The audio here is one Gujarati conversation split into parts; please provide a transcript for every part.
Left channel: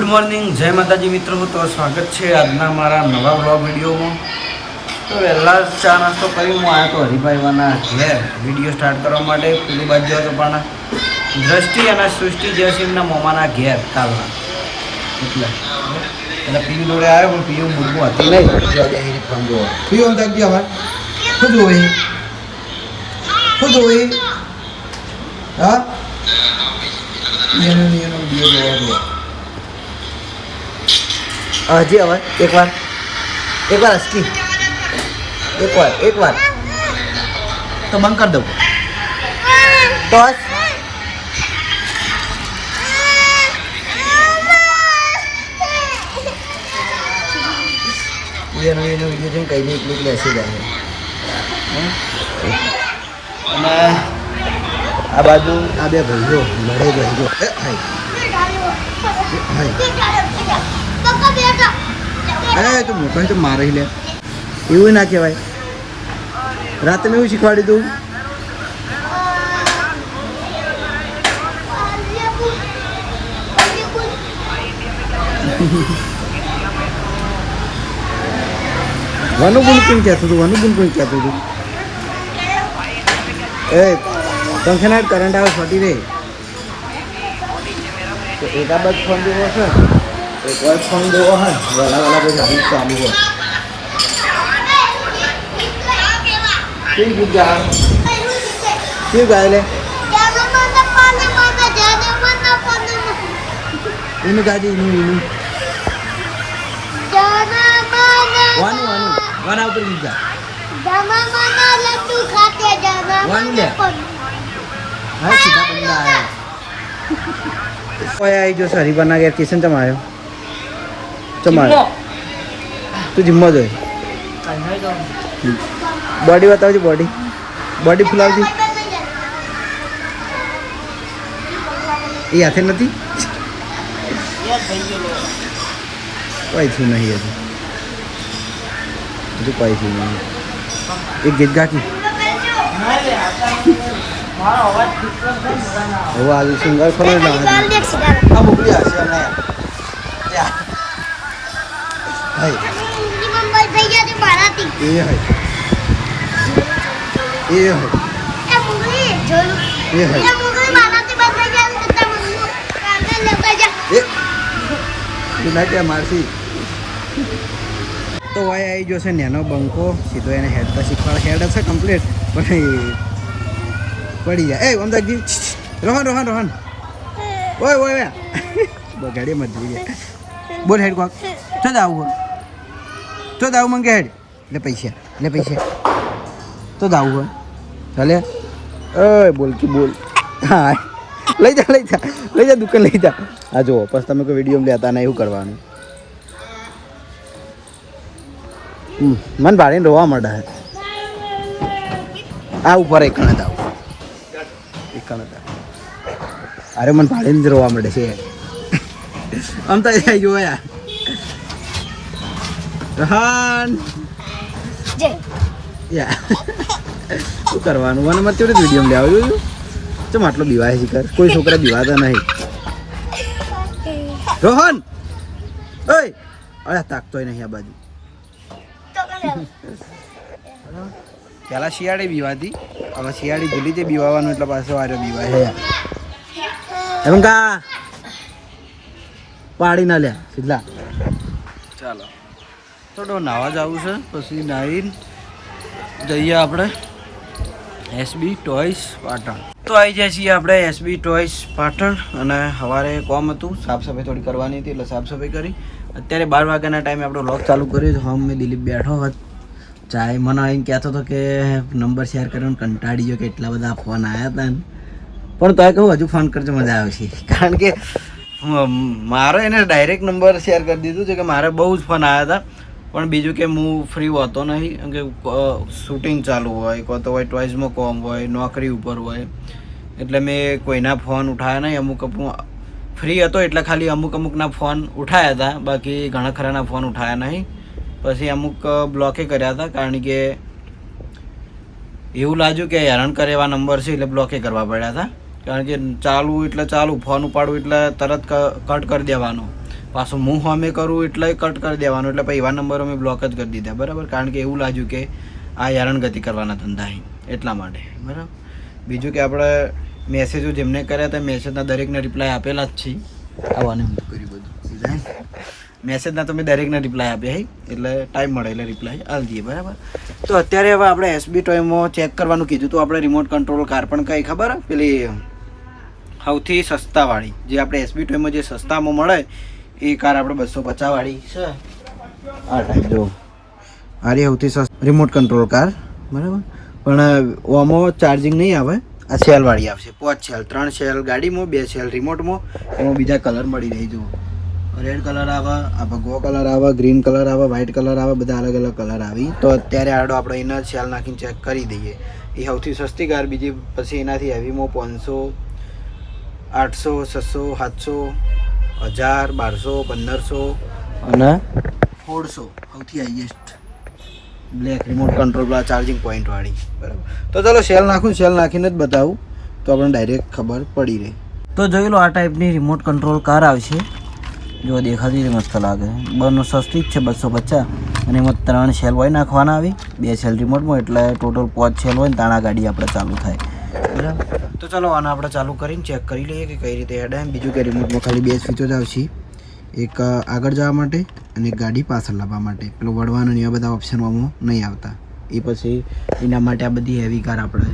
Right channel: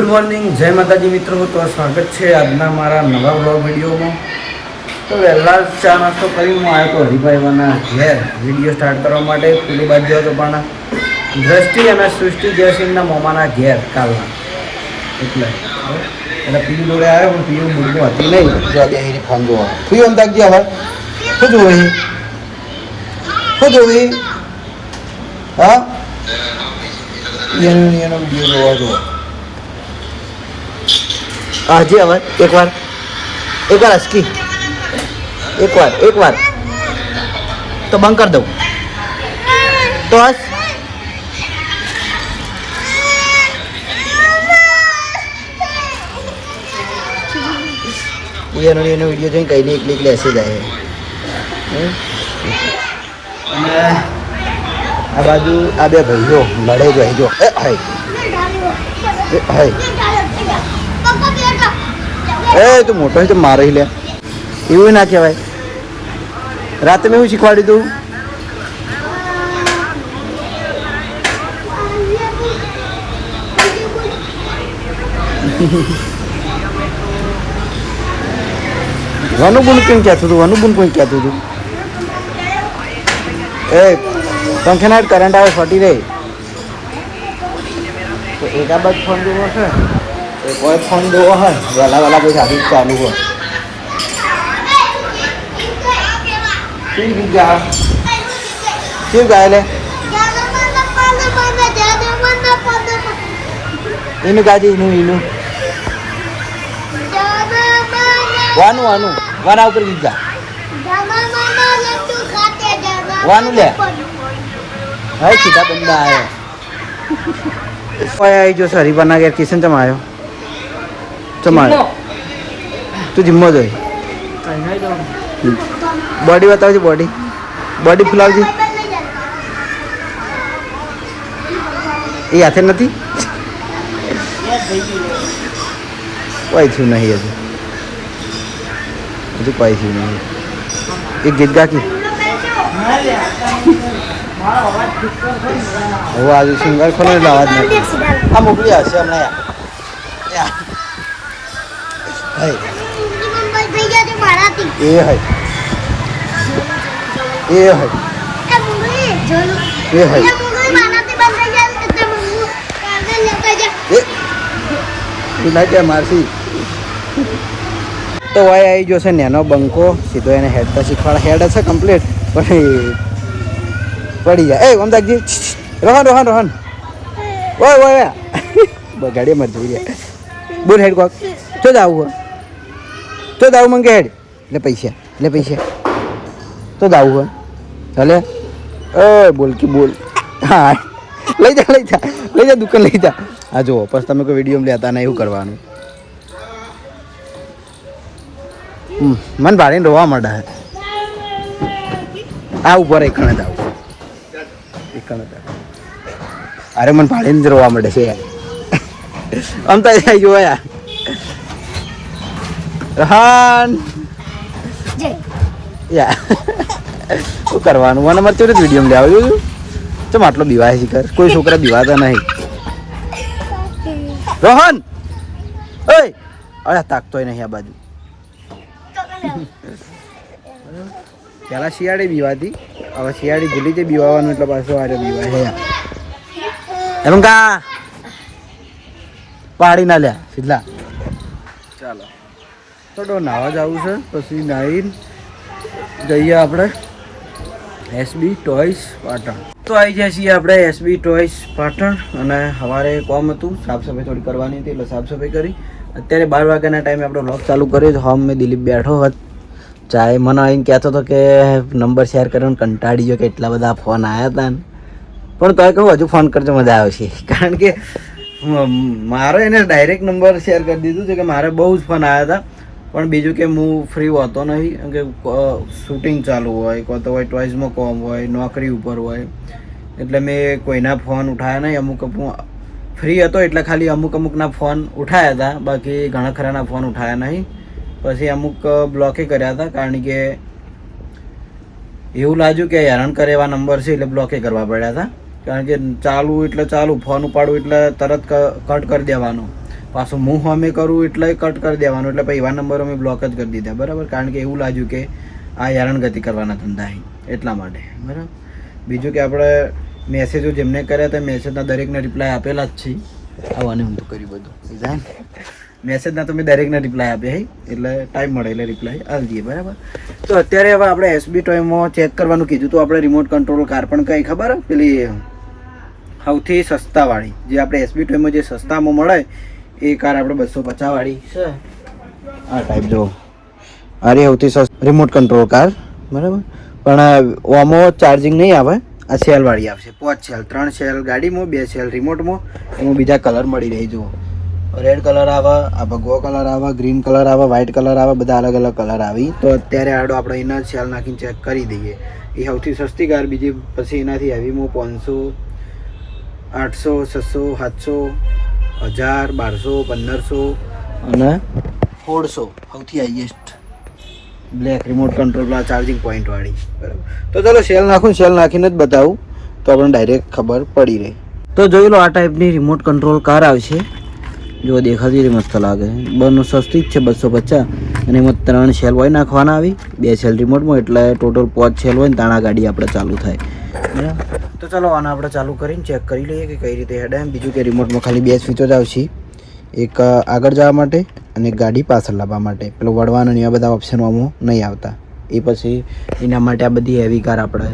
ગુડ મોર્નિંગ, જય માતાજી મિત્રો. તો સ્વાગત છે આજના મારા નવા બ્લોગ વિડીયોમાં. તો વહેલા ચા નાસ્તો કરી હું આવ્યો તો હરિભાઈવાના ઘેર વિડીયો સ્ટાર્ટ કરવા માટે. પેલું બાજુ હતો પણ દ્રષ્ટિ અને સૃષ્ટિ જયસિંહના મોમાના ઘેર કાલના, એટલે પીયું જોડે આવ્યો પણ પીયું મૂળમાં હતી નહીં. ફોન જોવા પીયું આમ તાકજી હવે શું જોવે શું જોવે હા એનો વિડીયો જોવા જોવા આજે અવાજ એકવાર અસકી એકવાર તો બંધ કરી દઉં તો બસ. એનો વિડીયો જોઈને કઈ એકલી હસી જાય. અને આ બાજુ આ બે ભાઈઓ લડે ભાઈઓ એ તું મોટો તો મારે લે એવું ના કહેવાય. રાતે મેં એવું શીખવાડી દઉં વનુબુન કોણ કહેતું હતું? વનુબુન કોણ કહેતું હતું? એ ફંક્શનાર કરંટ આવે ફટી રહે. ફોન જોવો હા વાલા કોઈ સાબિત ચાલુ હોય. શું ગાય લે એનું ગાય એનું વાનું વાના ઉપર બીજા વાનું લે હા સીધા બંદા આવ્યો જો સરી બના ગયા. કિશન ચમ આવ્યો તું જીમ્મો જોઈ બોડી બતાવજો. બોડી ફૂલાવજો. એ હાથે નથી પૈસું નહીં હજુ પૈસું નહીં. એ ગીત ગાતી હવે આજે સિંગલ ખરી અવાજ આ મોકલી હશે હમણાં. મારસી તો વાય આવી ગયો છે નેનો બંકો. સીધો એને હેડ તો શીખવાડે. હેડ હશે કમ્પ્લીટ પણ પડી જાય. એ ઓમદાગજી રોહન ઓય ગાડી મત જઈ જાય. બોલ હેડ કોક તો જ આવું મંગે હેડ એટલે પૈસા તો જ આવું હોય ચાલે. ઓય બોલ હા લઈ જા દુકાન લઈ જા. હા જુઓ પછી તમે કોઈ વિડીયો લેતા ને એવું કરવાનું. મન ભાડીને રોવા માંડે. આ ઉપર એક કણ આવું અરે મને ભાડીને જ રોવા માંડે છે આમ તો જોયા રહાન શું કરવાનું. મને મારે કેવી રીતે વિડીયો લેવા જોયું ચમ આટલો બીવાય છે. કોઈ છોકરા બીવાતા નહીં. રોહન ઓય અરે તાકતોય નહીં આ બાજુ. પેલા શિયાળે બીવાતી, હવે શિયાળી ભૂલી છે બીવાનું એટલે પાછો આરે બીવાય એમ કા પાડી ના લ્યા સીધા. ચાલો થોડો નાવા જવું છે. પછી નાહીને જઈએ આપણે એસબી ટોયસ પાટણ. તો આવી જાય છીએ આપણે એસબી ટોયસ પાટણ. અને સવારે કોમ હતું, સાફ સફાઈ થોડી કરવાની હતી એટલે સાફ સફાઈ કરી. અત્યારે 12 વાગ્યાના ટાઈમે આપણો વ્લોગ ચાલુ કર્યો છે. હોમ મેં દિલીપ બેઠો હોત ચાય. મને એમ કહેતો હતો કે નંબર શેર કરવાનો કંટાળી ગયો કે એટલા બધા ફોન આવ્યા હતા ને. પણ તોય કહું હજુ ફોન કરજો મજા આવશે. કારણ કે મારે એને ડાયરેક્ટ નંબર શેર કરી દીધું છે કે મારે બહુ જ ફોન આવ્યા હતા. પણ બીજું કે હું ફ્રી હોતો નહીં કેમ કે શૂટિંગ ચાલુ હોય, કોઈ તો હોય ટોયઝમાં કોમ હોય, નોકરી ઉપર હોય, એટલે મેં કોઈના ફોન ઉઠાયા નહીં. અમુક ફ્રી હતો એટલે ખાલી અમુકના ફોન ઉઠાયા હતા, બાકી ઘણા ખરાના ફોન ઉઠાયા નહીં. પછી અમુક બ્લોકે કર્યા હતા કારણ કે એવું લાગ્યું કે હેરાન કરે એવા નંબર છે એટલે બ્લોકે કરવા પડ્યા હતા. કારણ કે ચાલુ એટલે ચાલુ, ફોન ઉપાડું એટલે તરત કટ કરી દેવાનો, પાછું હું સામે કરું એટલે કટ કરી દેવાનો, એટલે પછી એવા નંબરો મેં બ્લોક જ કરી દીધા, બરાબર. કારણ કે એવું લાગ્યું કે આ હેરાનગતિ કરવાના ધંધા એટલા માટે, બરાબર. બીજું કે આપણે મેસેજો જેમને કર્યા હતા મેસેજના દરેકને રિપ્લાય આપેલા જ છે. આવવાને હું તો કર્યું બધું જાય મેસેજના તો મેં દરેકને રિપ્લાય આપ્યા એટલે ટાઈમ મળે એટલે રિપ્લાય આવી દઈએ, બરાબર. તો અત્યારે હવે આપણે એસબી ટોયમાં ચેક કરવાનું કીધું તો આપણે રિમોટ કંટ્રોલ કાર પણ કઈ ખબર પેલી સૌથી સસ્તાવાળી જે આપણે એસબી ટોયમાં જે સસ્તામાં મળે એ કાર આપણે 250 વાળી છે. આ ટાઈપ જો આ રે સૌથી સસ્તી રિમોટ કંટ્રોલ કાર, બરાબર. પણ આમાં ચાર્જિંગ નહીં આવે, આ સેલવાળી આવશે. 5 સેલ, 3 સેલ ગાડીમાં, 2 સેલ રિમોટમાં. એમાં બીજા કલર મળી રહી જુઓ, રેડ કલર આવે, આ ભગવો કલર આવે, ગ્રીન કલર આવે, વ્હાઇટ કલર આવે, બધા અલગ અલગ કલર આવી. તો અત્યારે આડો આપણે એના સેલ નાખીને ચેક કરી દઈએ. એ સૌથી સસ્તી કાર. બીજી પછી એનાથી હેવીમાં 500, 800, 600, 700, 1000, 1200, 1500 અને 1600 સૌથી highest black remote control charging point વાળી, બરાબર. તો ચાલો સેલ નાખું, સેલ નાખીને જ બતાવું તો આપણને ડાયરેક્ટ ખબર પડી રહી. તો જોઈ લો, આ ટાઈપની રિમોટ કંટ્રોલ કાર આવશે. જો દેખાતી મસ્ત લાગે, બંને સસ્તી જ છે 250, અને એમાં 3 સેલ હોય નાખવાના આવી, 2 સેલ રિમોટમાં, એટલે ટોટલ 5 સેલ હોય ને તાણા ગાડી આપણે ચાલુ થાય, બરાબર. તો ચાલો આને આપણે ચાલુ કરીને ચેક કરી લઈએ કે કઈ રીતે હેડ. બીજું કે રિમોટમાં ખાલી 2 સ્વિચો જ આવશે, એક આગળ જવા માટે અને એક ગાડી પાછળ લાવવા માટે. પેલો વળવાનો ને એવા બધા ઓપ્શન આમાં નહીં આવતા. એ પછી એના માટે આ બધી હેવી કાર આપણે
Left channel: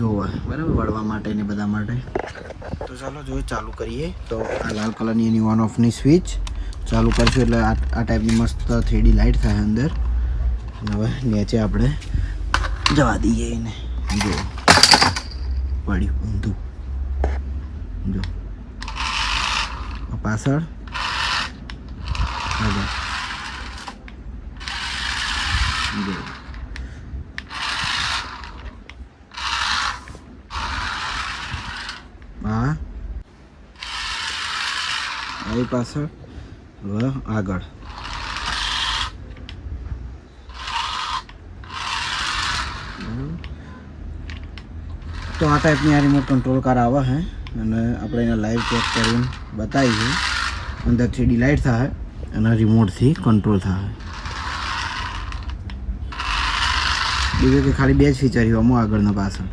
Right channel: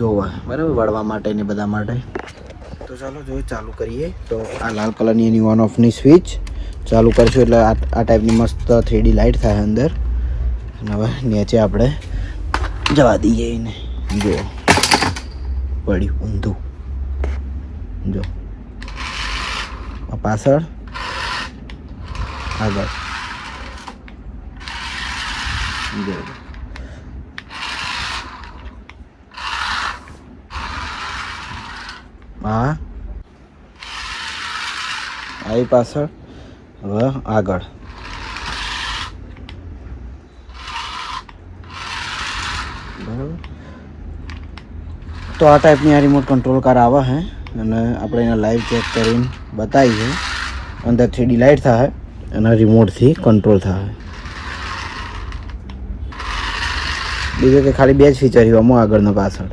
જોવા, બરાબર, વળવા માટે ને બધા માટે. તો ચાલો જો ચાલુ કરીએ. તો આ લાલ કલરની એની ઓન ઓફની સ્વિચ ચાલુ કરશું એટલે આ ટાઈપની મસ્ત 3D લાઇટ થાય અંદર. અને હવે નીચે આપણે જવા દઈએ એને. જુઓ પડ્યું ઊંધું, જો પાછળ આગળ, જો હા આવી પાછળ, હવે આગળ. તો આ ટાઈપની આ રિમોટ કંટ્રોલ કાર આવે છે અને આપણે એને લાઈવ ચેક કરીને બતાવીએ. અંદર 3D લાઇટ થાય અને રિમોટથી કંટ્રોલ થાય. બીજું કે ખાલી 2 જ ફીચર આમાં આગળનો પાછળ.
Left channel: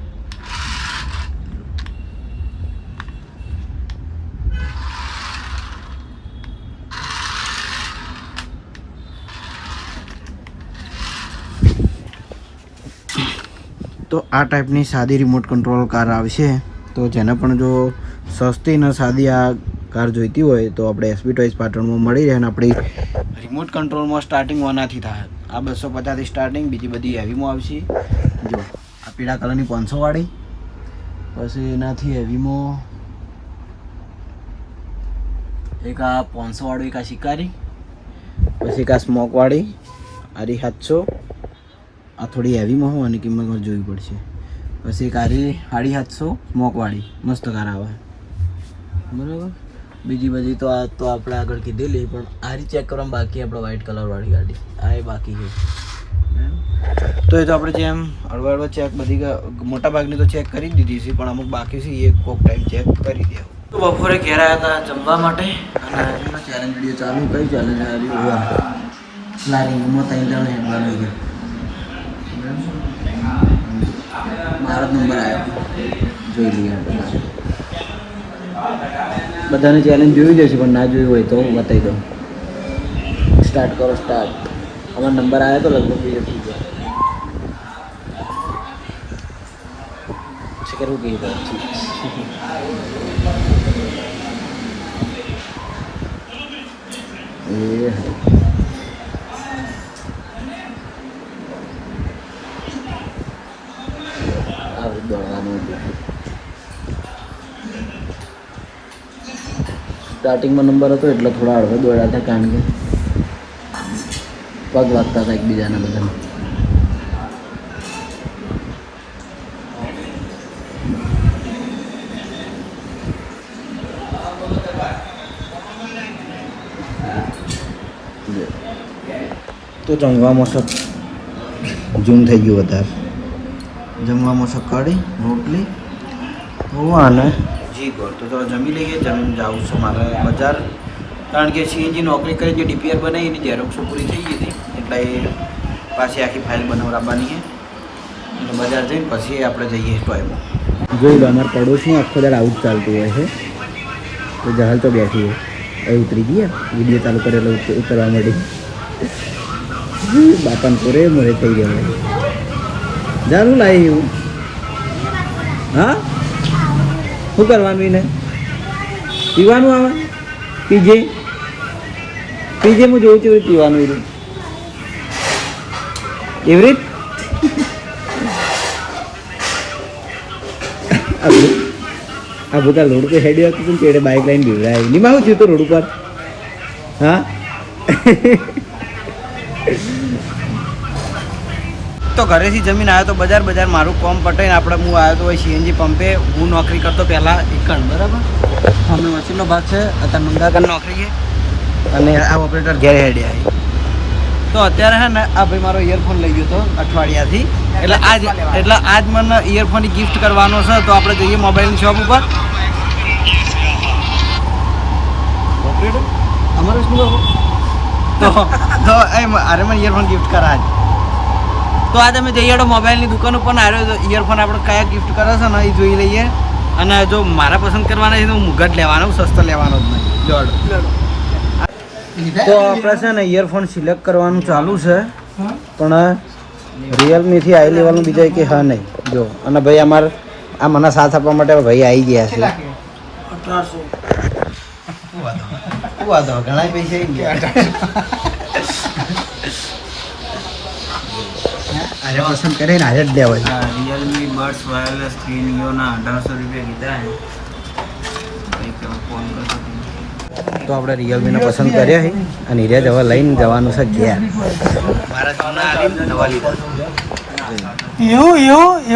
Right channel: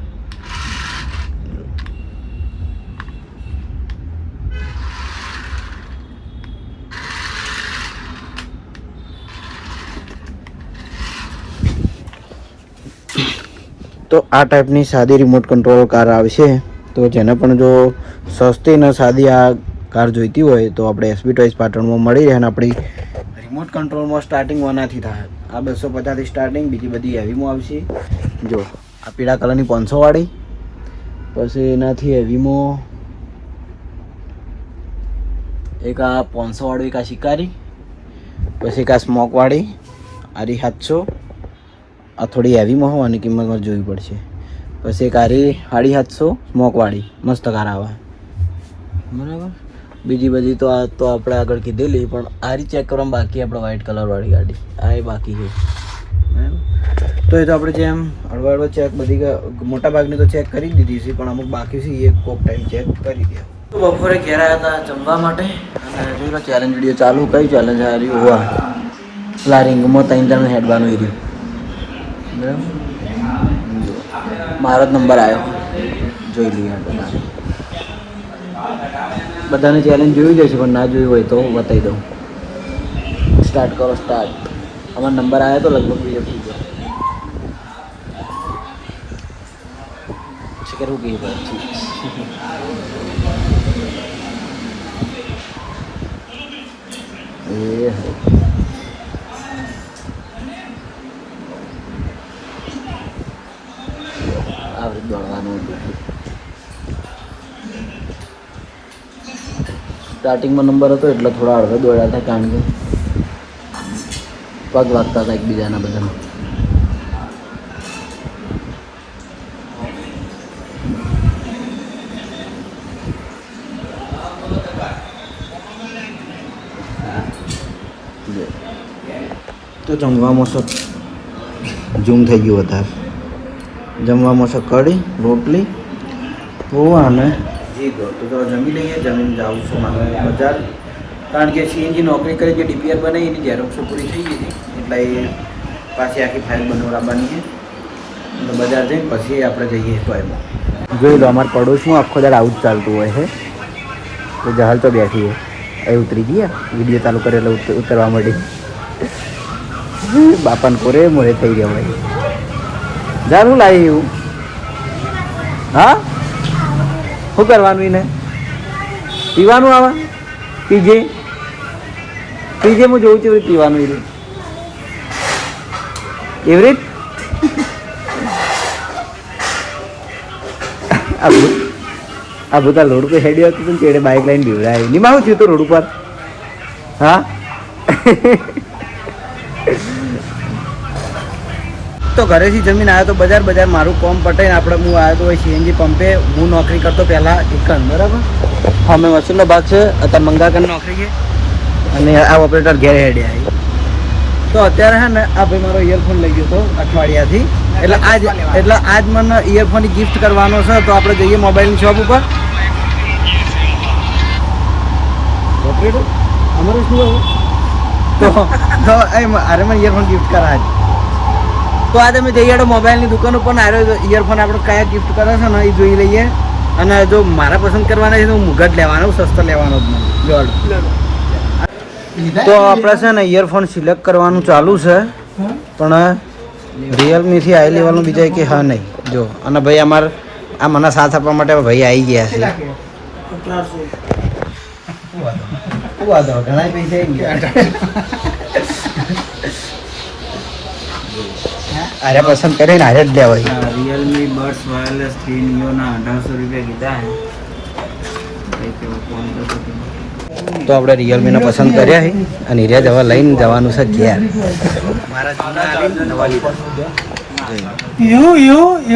તો આ ટાઈપની સાદી રિમોટ કંટ્રોલ કાર આવશે. તો જેને પણ જો સસ્તી ને સાદી આ કાર જોઈતી હોય તો આપણે એસબી ટોયઝ પાટણમાં મળી રહે. અને આપણી રિમોટ કંટ્રોલમાં સ્ટાર્ટિંગ આનાથી થાય. આ 250થી સ્ટાર્ટિંગ, બીજી બધી હેવીમાં આવશે. જો આ પીળા કલરની 500 વાળી, પછી એનાથી હેવીમાં એક આ 500 વાળું, એક આ શિકારી, પછી એક આ સ્મોક વાળી, આ રી 700. આ થોડી હેવીમાં હોવાની કિંમતમાં જોવી પડશે. પછી એક આરી 750 સ્મોકવાળી મસ્ત કાર આવે, બરાબર. બીજી બધી તો આ તો આપણે આગળ કીધેલી, પણ આરી ચેક કરવામાં બાકી આપણે વ્હાઇટ કલરવાળી ગાડી આ એ બાકી છે, બરાબર. તો એ તો આપણે જેમ હળવા ચેક બધી મોટા ભાગની તો ચેક કરી જ દીધી છે, પણ અમુક બાકી છે એ કોક ટાઈમ ચેક કરી દે. તો બપોરે ઘેર આવ્યા હતા જમવા માટે અને જોઈ લો ચેલેન્જ વિડીયો ચાલુ. કઈ ચેલેન્જ આ રહ્યું હોવા પેલા રિંગમાં 3 હેડવાનું એ રહ્યું, બરાબર. મારો જ નંબર આવ્યો, જોઈ લઈએ. બધાને ચેલેન્જ જોઈ જશે, પણ ના જોયું હોય તો બતાવી દઉં. સ્ટાર્ટ કરો, સ્ટાર્ટ. અમારો નંબર આવ્યો તો લગભગ બીજો થઈ ગયો. પછી કરવું કે દોડવાનું સ્ટાર્ટિંગમાં નંબર હતો એટલે થોડા હળવે દોડ્યા હતા, કારણ કે પગ વાગતા હતા એકબીજાના બધા. તો જમવામાં ઝૂમ થઈ ગયું વધારે. જમવામાં કઢી, રોટલી હોવા ને જી ગયો તો ચલો જમી લઈએ. જમીને જાઉં છું મારે બજાર, કારણ કે સીએનજી નોકરી કરી જે ડીપીઆર બનાવી એની ઝેરોક્ષો પૂરી થઈ ગઈ હતી, એટલે એ પાછી આખી ફાઇલ બનાવવાની છે. એટલે બજાર જઈને પછી આપણે જઈએ ટોયમાં. જોઈ લો અમારા પડોશમાં આખો દાડ આવું જ ચાલતું હોય છે. તો જહાલ તો બેઠી છે, એ ઉતરી ગયા, વિડીયો ચાલુ કરે એટલે ઉતરવા મળી. બાપાને કોરે મોરે થઈ ગયા ભાઈ. જાનું લાવી એવું? હા, શું કરવાનું એને? પીવાનું આવે? પીજે પીજે, હું જોઉં છું પીવાનું એને એવી રીત. આ બધા રોડ પર હેડી આવતું હતું પેડે બાઇક લઈને બીવડાય નહીં. માં થયું તો રોડ ઉપર? હા. તો ઘરેથી જમીન આવ્યો તો બજાર મારું કોમ પટાઈને આપણે હું આવ્યો તો સીએનજી પંપે. હું નોકરી કરતો પહેલાં એકણ, બરાબર. હા, મેં વસૂલનો ભાગ છે, અત્યારે મંગાકરની નોકરી છે, અને આ ઓપરેટર ઘેર હેડે આવી. તો અત્યારે છે ને આ ભાઈ મારો ઇયરફોન લઈ ગયો હતો અઠવાડિયાથી, એટલે આજ મને ઇયરફોનની ગિફ્ટ કરવાનો છે. તો આપણે જઈએ મોબાઈલની શોપ ઉપર. ઓપરેટર અમારે શું કહું તો અરે મને ઇયરફોન ગિફ્ટ કરા. તો આજે અમે જઈએ તો મોબાઈલની દુકાન ઉપર આવ્યો. ઇયરફોન આપણે કયા ગિફ્ટ કરે છે ને એ જોઈ લઈએ. અને જો મારા પસંદ કરવાના છે તો હું મુગટ લેવાનો, સસ્તો લેવાનો જ નહીં. જોડો તો આપણે છે ને ઇયરફોન સિલેક્ટ કરવાનું ચાલુ છે, પણ રિયલમીથી આવી લેવાનું બીજા કે હા નહીં. જો અને ભાઈ અમારે આ મને સાથ આપવા માટે ભાઈ આવી ગયા છે. શું વાતો ઘણા પૈસા આવી ગયા. અરે પસંદ કરીને હારે જ લેવાય. રિયલમી બડ્સ વાયરલેસ 3 નિયોના 1800 રૂપિયા કીધા છે. તો આપણે રિયલમીને પસંદ કર્યા છે અને હીરા જવા લઈને જવાનું છે ઘેર. મારા જૂના આવીને નવા લીધા.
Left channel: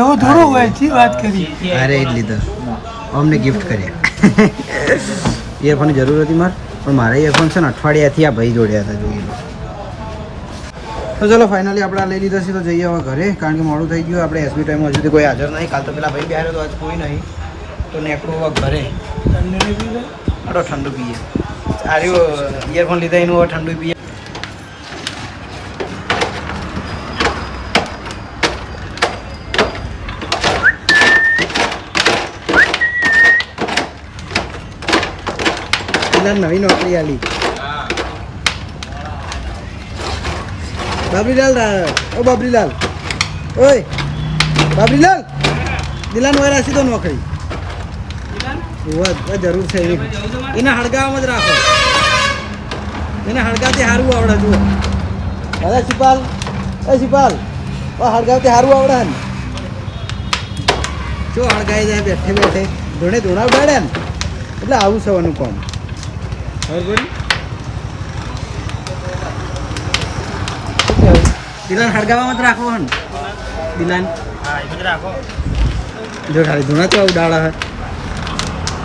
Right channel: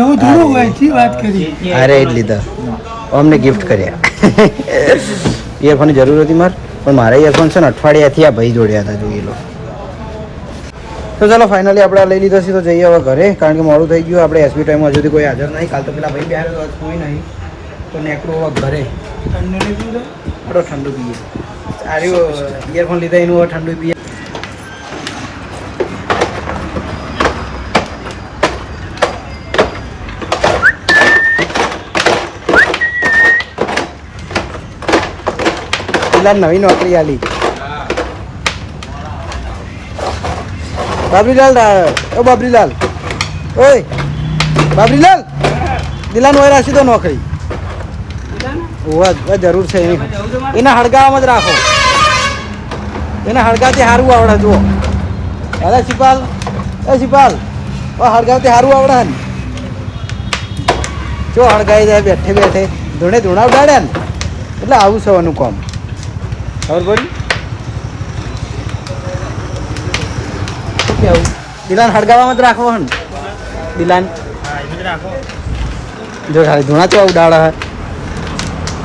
એવું થોડું હોય છે વાત કરી. અરે જ લીધા, અમને ગિફ્ટ કર્યા. ઇયરફોનની જરૂર હતી મારે, પણ મારા ઇયરફોન છે ને અઠવાડિયાથી આ ભાઈ જોડ્યા હતા, જોઈ લો. તો ચાલો ફાઇનલી આપણે લઈ લીધા છે. તો જઈએ હવે ઘરે, કારણ કે મોડું થઈ ગયું. આપણે એસબી ટાઈમમાં હજુ કોઈ હાજર નહીં. કાલ તો પેલા ભાઈ બહાર તો આજ કોઈ નહીં. તો નેકડું હવે ઘરે થોડો ઠંડુ પીએ. સારું ઇયરફોન લીધા એનું હવે ઠંડુ પીએ. પેલા નવી નોકરી આલી બાબરીલાલ. ઓ બાબરીલાલ, ઓય બાબરીલાલ, દિલાન હોય રાખી દો નોકરી. જરૂર છે એને હળગાવામાં જ રાખો. એને હળગાથી સારું આવડે. જુઓ અરે શિપાલ, શિપાલ હળગાથી સારું આવડે ને. જો હળગાઈ જાય બેઠે બેઠે ધૂણા ઉડાડ્યા ને, એટલે આવું છે એનું કામ. ખબર પડી? દિલાન હળગાવામાં જ રાખવો હે ને. દિલાન જો ધૂણા તો ઉડાડે હે.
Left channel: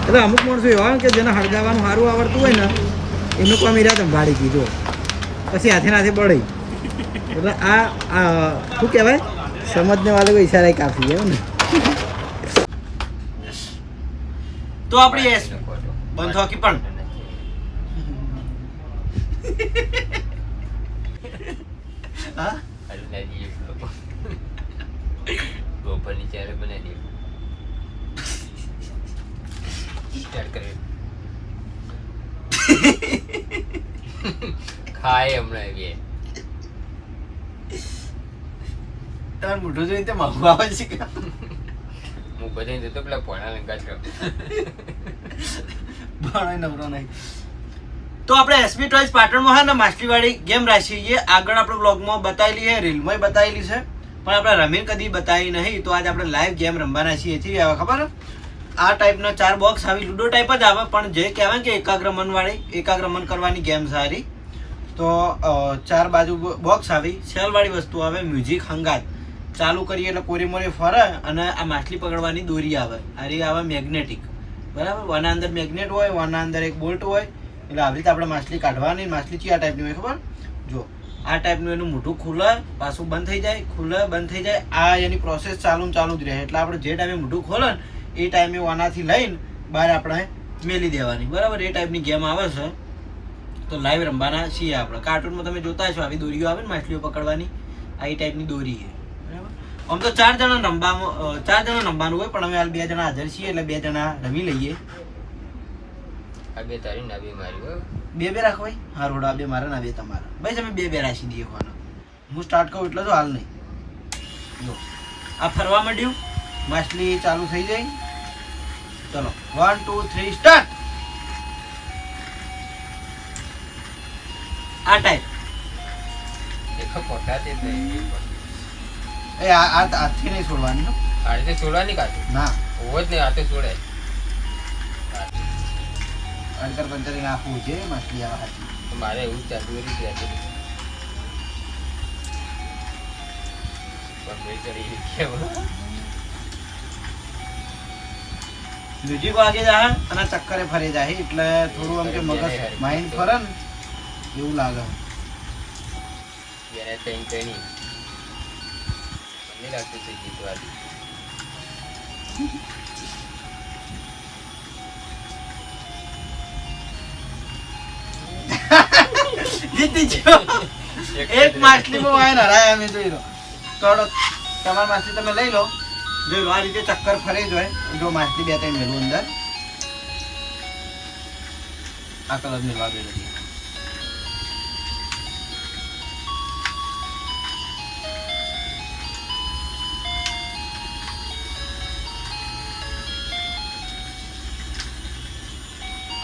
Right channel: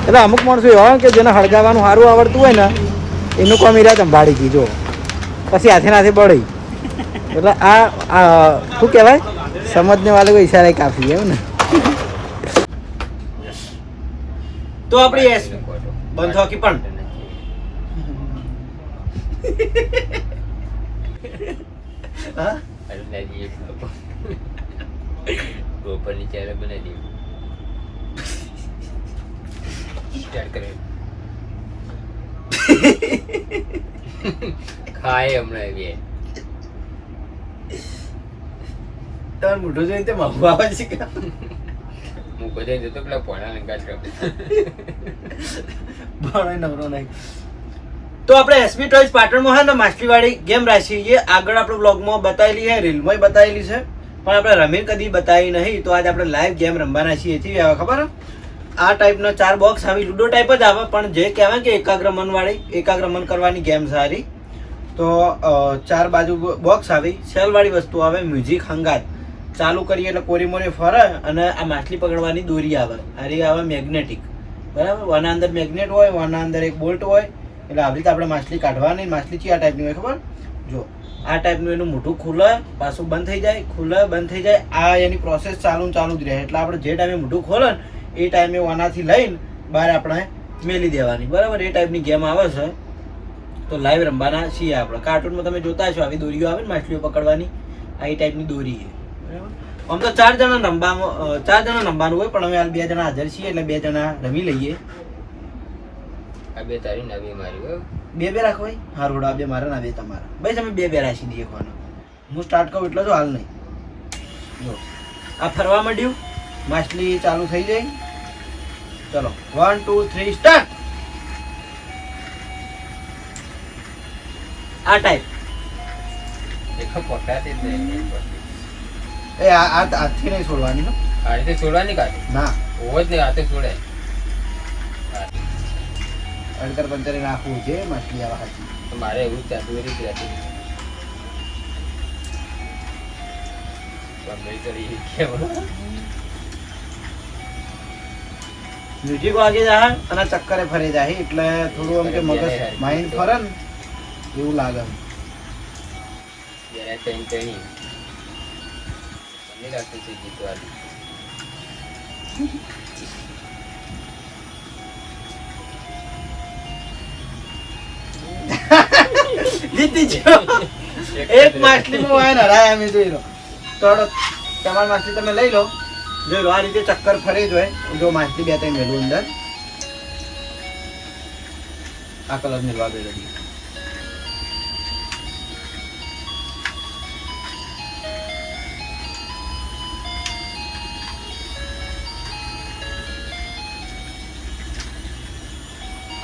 એટલે અમુક માણસો એવા કે જેને હળગાવાનું સારું આવડતું હોય ને એનું કામ એ સંભાળી ગઈ. જો પછી હાથે બળી. એટલે આ શું કહેવાય, સમજને વાળો ઈશારે કાફી એવું ને. તો આપણી એસ બંધ હોકી પણ હા ગોપરની ચારે બનાવી સ્ટાર્ટ કરે ખાય હમણાં બે તાર મોઢું જોઈને તે માગવા આવે છે કે હું બધા જતો પેલા પોણા કાચ કર ભણાય નવરો નહીં. તો આપણે એસબી ટોયઝ પાટણમાં હે ને માછલીવાળી ગેમ રાખી છે. આગળ આપણે બ્લોગમાં બતાવેલી છે, રીલમાં બતાવેલી છે, પણ આપણે રમીને કદી બતાવી નહીં. તો આજે આપણે લાઈવ ગેમ રમવાના છીએ. એથી આવે ખબર આ ટાઈપના 4 બોક્સ આવી, લૂડો ટાઈપ જ આવે, પણ જે કહેવાય કે એકાગ્રમન કરવાની ગેમ સારી. તો 4 બાજુ બોક્સ આવી, સેલવાળી વસ્તુ આવે, મ્યુઝિક હંગાત ચાલુ કરીએ એટલે કોરી મોરી ફરે, અને આ માછલી પકડવાની દોરી આવે. આ રહી આવે મેગ્નેટિક, બરાબર. વના અંદર મેગ્નેટ હોય, વના અંદર એક બોલ્ટ હોય, એટલે આવી રીતે આપણે માછલી કાઢવાની. માછલી છે આ ટાઈપની હોય, ખબર? જો આ ટાઈપનું એનું મોઢું ખુલે, પાછું બંધ થઈ જાય, ખુલે બંધ થઈ જાય. આ એની પ્રોસેસ ચાલુ જ રહે. એટલે આપણે જે ટાઈમે મોઢું ખોલે એ ટાઈમે આનાથી લઈને બહાર આપણે મેલી દેવાની, બરાબર. એ ટાઈપની ગેમ આવે છે, તો લાઈવ રમવાના છીએ આપણે. કાર્ટૂનમાં તમે જોતા હશો આવી દોરીઓ આવે ને માછલીઓ પકડવાની, આ એ ટાઈપની દોરી છે, બરાબર. આમ તો 4 જણા રમવાનું હોય, પણ અમે હાલ 2 જણા હાજર છીએ એટલે 2 જણા રમી લઈએ. આ બે તારી નવી મારી હોય 2 રાખો ભાઈ. હા રોડ, આ 2 મારા ને આ 2 તમારા. ભાઈ તમે 2 રાખી દઈએ કોનો. હું સ્ટાર્ટ કરું એટલે તો હાલ નહીં. જો આ ફરવા માંડ્યું, માછલી ચાલુ થઈ જાય. ચલો 1 2 3 સ્ટાર્ટ. આ ટાઈપ દેખો પોટા તે એ આ હાથથી નહીં છોડવાની હો. આ રીતે છોડવાની કાઢી ના ઓવો જ નહીં, હાથે છોડે. અંકર પંચરે નાખવું છે માછલી આવા હાથી. તો મારે એવું જ ચાલતું હતું કે હતી ગમે કરી કેવું મ્યુઝિક વાગે જાય અને ચક્કરે ફરી જાય એટલે થોડું આમ કે મગજ માઇન્ડ ફરે ને એવું લાગે. એને ટેન કઈ મને લાગતું છે જીતવાની. જીતી ગયો. એક માછલીમાં વાયન હરાયા અમે જોઈ લો. થોડો તમારી માછલી તમે લઈ લો, જોઈ લો આ રીતે ચક્કર ફરી જ હોય. જો માછલી 2 3 મેલું અંદર આ કલર મેળવા દે લગી.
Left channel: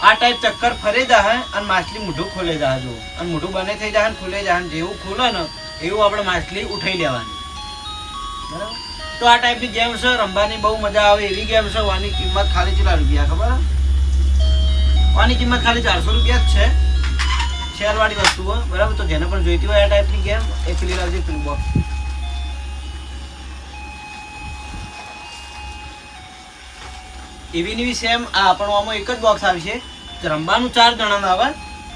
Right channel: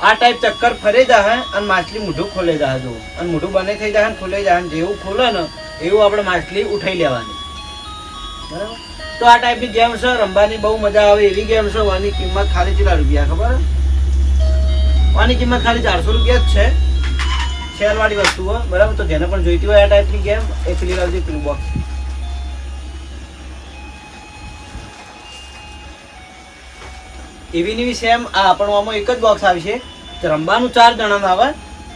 આ ટાઈપ ચક્કર ફરી જાય અને માછલી મોઢું ખોલે જાય. જો અને મોઢું બંધ થઈ જાય ખોલે જાય, જેવું ખોલે ને એવું આપણે માછલી ઉઠાઈ લેવાની, બરાબર. તો આ ટાઈપની ગેમ છે, રમવાની બહુ મજા આવે એવી ગેમ છે. આની કિંમત ખાલી કેટલા રૂપિયા ખબર? આની કિંમત ખાલી 400 રૂપિયા જ છે. શેલવાળી વસ્તુઓ, બરાબર. તો જેને પણ જોઈતી હોય આ ટાઈપની ગેમ એ પેલી લાવજો, પેલું બોક્સ. એવી ની સેમ આ પણ આમાં એક જ બોક્સ આવશે. રમવાનું 4 જણાનું આવે,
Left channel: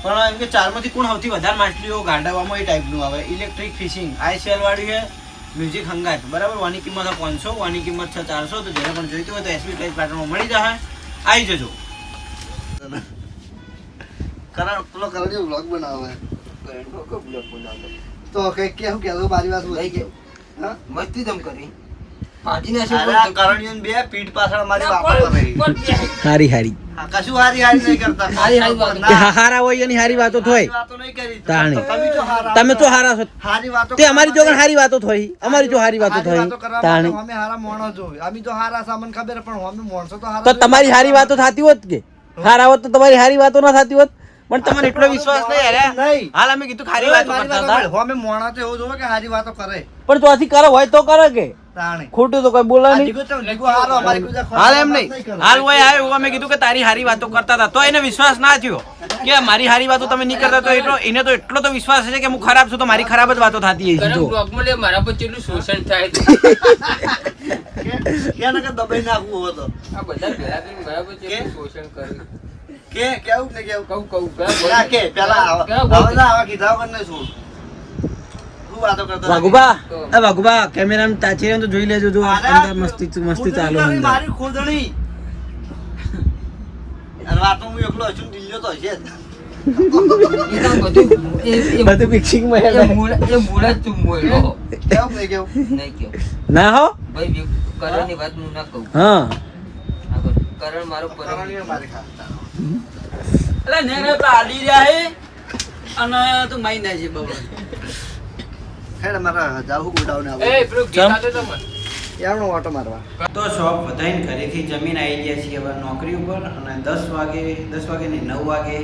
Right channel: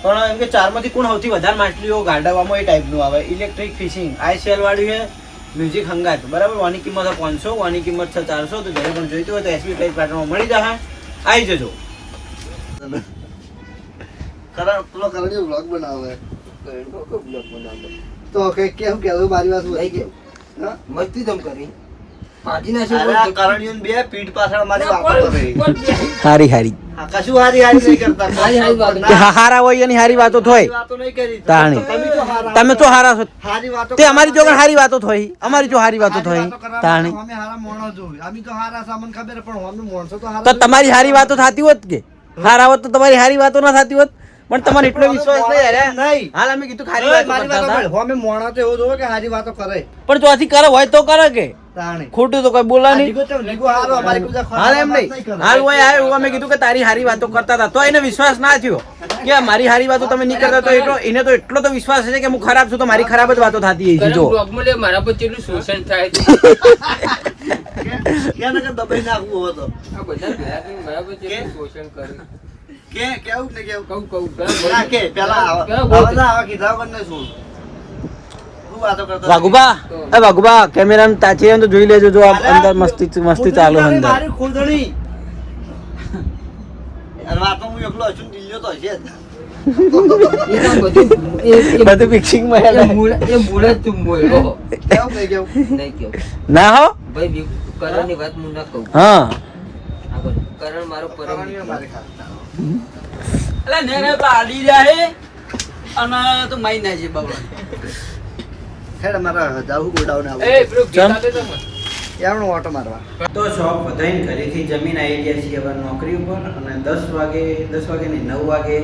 પણ એમ કે 4 માંથી કોણ સૌથી વધારે માછલીઓ ગાડાવામાં એ ટાઈપનું આવે. ઇલેક્ટ્રિક ફિશિંગ આ સેલ વાળી છે, મ્યુઝિક હંગાત, બરાબર. આની કિંમત 500, આની કિંમત છે 400. તો જેને પણ જોઈતું હોય તો એસબી પ્રાઇસ પેટર્નમાં મળી જશે. આવી જજો. કરણી વ્લોગ બનાવે તો કે કેમ કેવું મારી વાત લઈ ગયો હા મસ્તી જમ કરી કરણીઓ બે પીઠ પાછળ મારી વાતો કરે. હારી હારી કશું હારી હારી નહીં કરતા. હારા હોય એની હારી વાતો હારી થોય વાતો નહીં કરી. તાણી. તમે જો હારા તમે તો હારા છો હારી વાતો તે અમારી જોડે હારી વાતો થોય, અમારી જો હારી વાતો હારી થોય વાતો કરવા તાણી. માટે અમે હારા માણસ જોઈ અમે તો હારા સામાન ખબર પણ અમે માણસો તો હારા તો તમારી હારી વાતો થતી હોત કે હારા હોત તો તમારી હારી વાતો ના થતી હોત, પણ તમારે એટલો વિશ્વાસ નહીં અરે નહીં. હાલ અમે કીધું ખારી વાતો કરતા હતા, અમે માણસ તો એવું જોવે કે હારી વાતો કરે પણ તો આથી કરે હોય તો કરે કે તાણે ખોટું તો કોઈ બોલે આ નહીં. જીગો તો જીગો હારો અમારી કોઈ હાલ એમ નહીં, હાલ હોય આવ્યું અમે કીધું કે તારી હારી વાતો કરતા હતા, તો એને વિશ્વાસ ના થયો કે મારી હારી વાતો તમે નહીં કરતા, તો એટલો એને તો એટલો તો વિશ્વાસ છે કે હું ખરાબ છું તો મારી ખરાબ જ વાતો થતી હશે. જો બ્લોગમાં લે મારા પર કેટલું શોષણ થાય છે. ક્યાં નકર દબાઈ નાખવું હતો. આ બધા ભેગા થઈને મારા પર કેટલું શોષણ કરે. કેવું ને કેવું કહું ના કે પેલા કેવા બોલ? આવા કીધા વગર નહીં છોડ. શું વાતો કરતા હતા? વાઘુબા એ વાઘુબા કેમેરામાં તાચે તો જોઈ લેજો, જો આ અંદર મસ્તી મસ્તી ચાલુ ખુદણી અંદર. મારી ખુદણી. અને વાતો હું એકલો હશું ને દિલ્હી તો હશે જ. એ તો બધું બધું fixing માં એ મૂળ જ તું બોલ્યો. કેવું નહીં કેવું નહીં કેવું ના હો ભાઈ કરણની વાત હું ના કહું. હા આગળ કરણ મારો પરમ કરણીઓ મારી ખાતા. એટલે નેને પાડી જાય અને તો મઈ ના જી બાબા. ખેડ મારા જાવું ગોડાઉન આવું એ પેલું ગીત આલે તો મને. યારનો ઓટો મારવા તો શોપ વધાઈને ઘરેથી જમીન આવી ગયા છીએ હવે નોકરી ઉપર, અને 10 વાગે નહીં 9 વાગે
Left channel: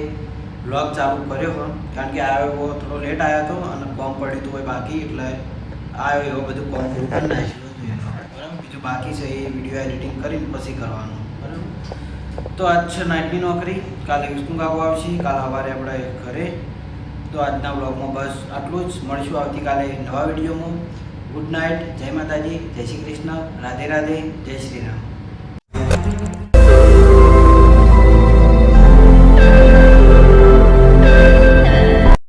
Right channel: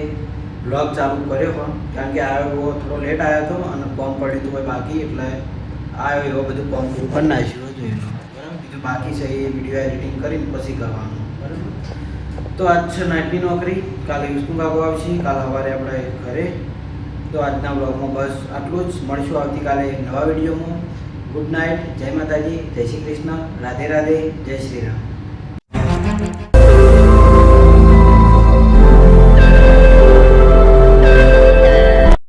બ્લોગ ચાલુ કર્યો પણ કારણ કે આવ્યો થોડો લેટ આવ્યો હતો અને કોમ પડ્યું હતું કોઈ બાકી, એટલે આવ્યો એવો બધું કોમ પૂરું કરી નાખ્યું જોઈ લો, બરાબર. બીજું બાકી છે એ વિડીયો એડિટિંગ કરીને પછી કરવાનું, બરાબર. તો આજ છે નાઇટની નોકરી, કાલે વિષ્ણુ કાકો આવશે, કાલે સવારે આપણે ઘરે. તો આજના બ્લોગમાં બસ આટલું જ. મળશું આવતીકાલે નવા વિડીયોમાં. ગુડ નાઇટ, જય માતાજી, જય શ્રી કૃષ્ણ, રાધે રાધે, જય શ્રી રામ.